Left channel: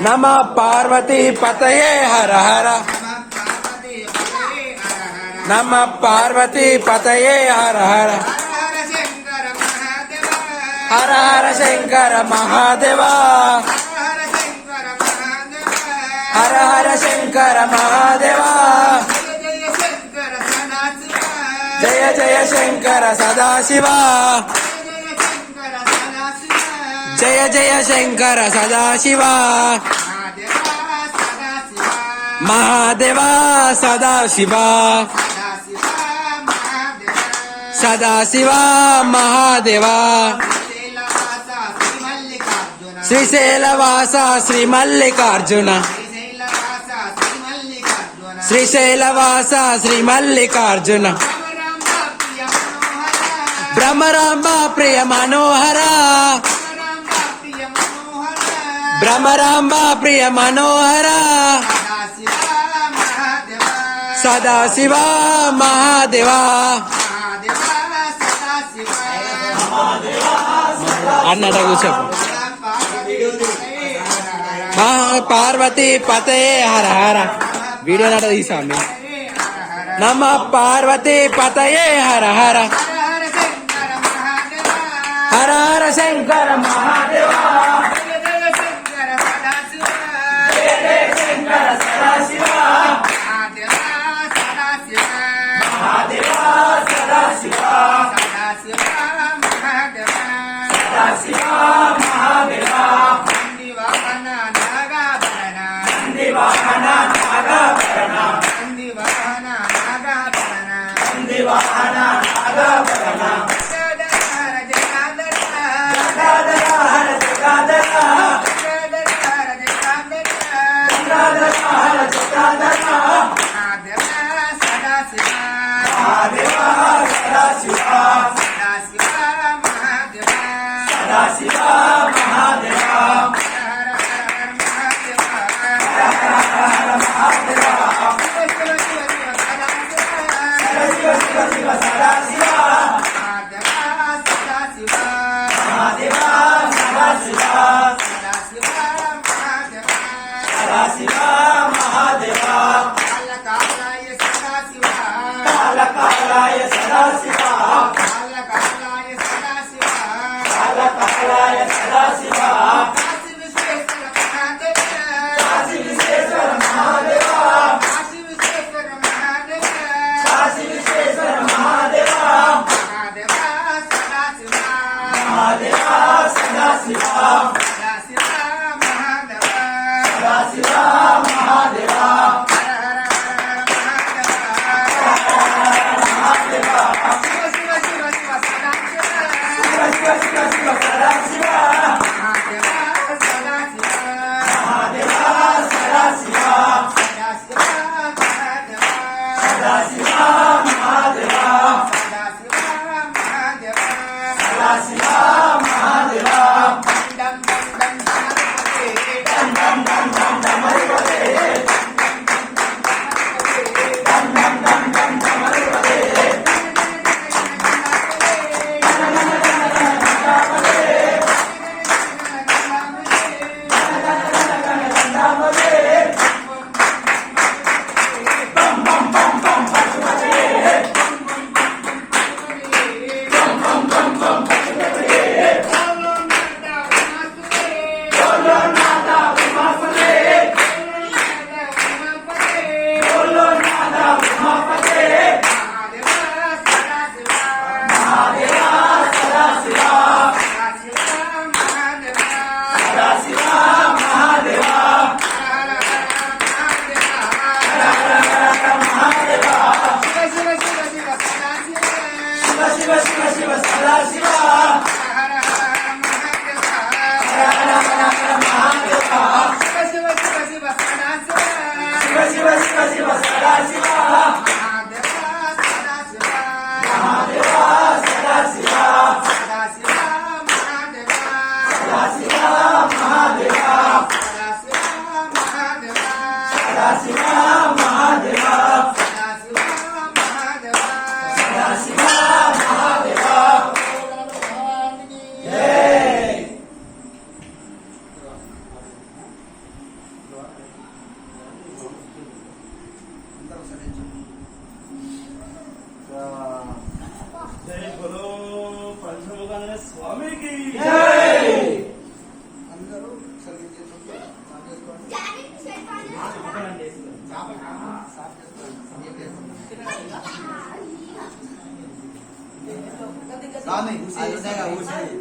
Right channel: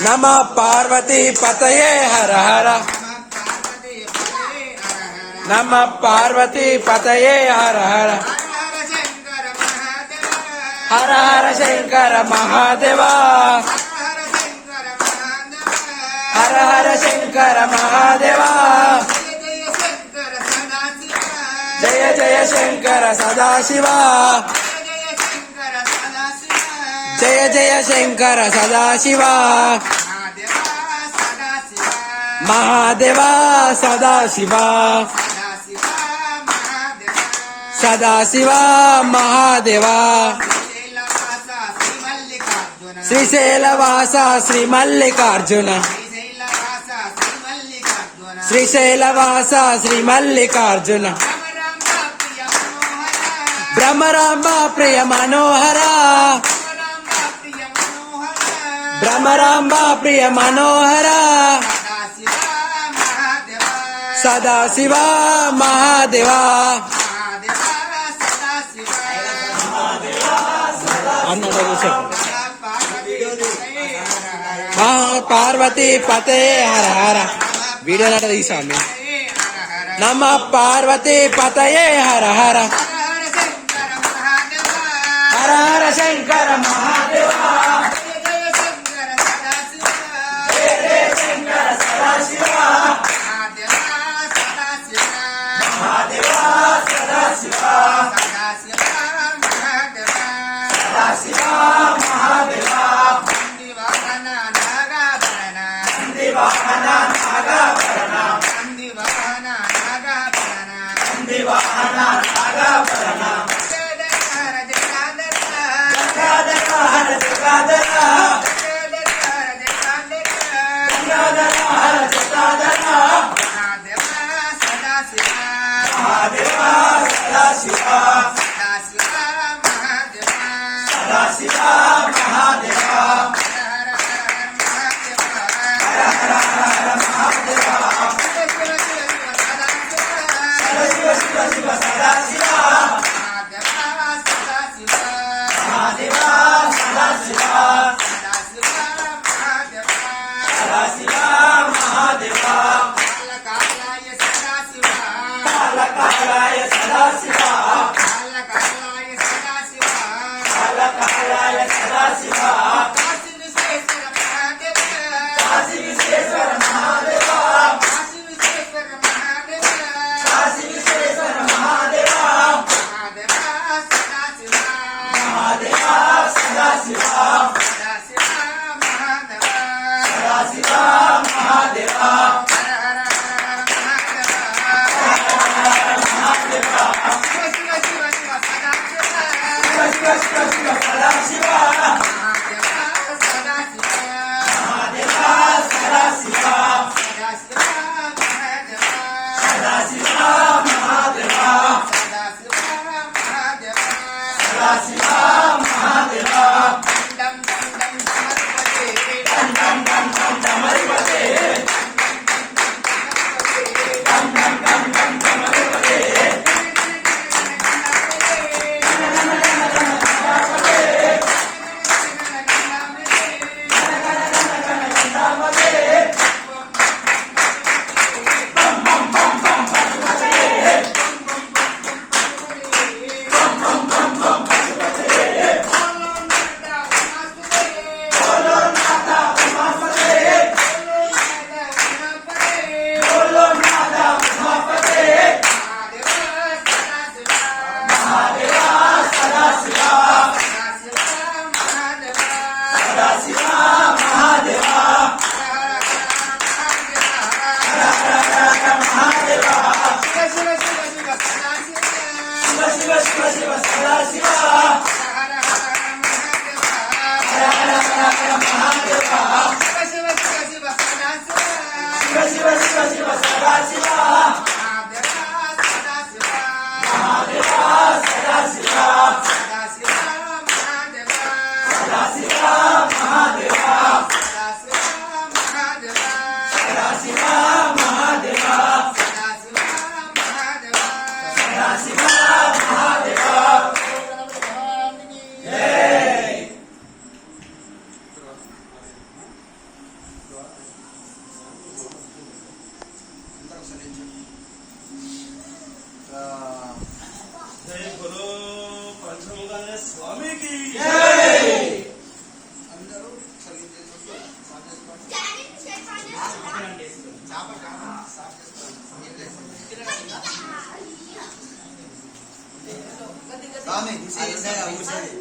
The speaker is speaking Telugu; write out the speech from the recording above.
నమ పార్వతీ పతయే హర హర. నమ పార్వతీ పతయే హర హర. హర హర శంకర మహాదేవా. హర హర శంకర మహాదేవా. జయ జయ శంకర సదాశివా. జయ జయ శంకర సదాశివ. మహాదేవ సదాశివ. సదాశివ మహాదేవ. శ్రీశైలవాస శ్రీ మల్లికార్జున శ్రీశైలవాస శ్రీ మల్లికార్జున బ్రహ్మరాంబ ప్రియ మనోహర. భ్రమరామ ప్రియ మనోహర సదాశివ మహాదేవా అన్నట కూర్చోపు పార్వతి పతే హర హర వీడియో నట తీసాను నమ పార్వతి పతయే హర హర హర హర శంకర మహాదేవ Bravo! మహాదేవా సదాశివా సదాశివా మహాదేవా శివ శివ శివ సదాశివ శివ శివ శివ సదాశివా ఏం లేదు. స్వామి అది ఉన్నాయా ఊసేది